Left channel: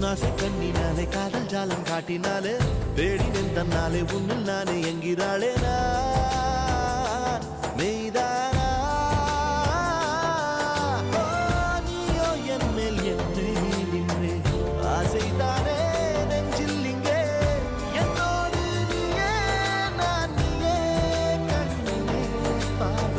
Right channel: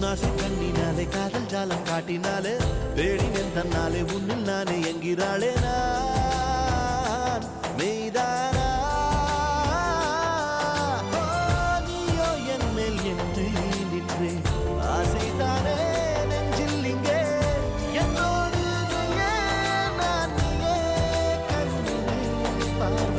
உன்னாசை கண்ணினாலே காதல் ஜாலம் காட்டினாலே தேடினேன் தன்னாலே உன்னில் நானே என்கிறாளே நான் மெய்தானா நீயோ என் மேல் என்னே நின்றே ஆசைதானே நெஞ்சில் இங்கே என்னோடு நீயே நான் நீயே கண்ணினே பார்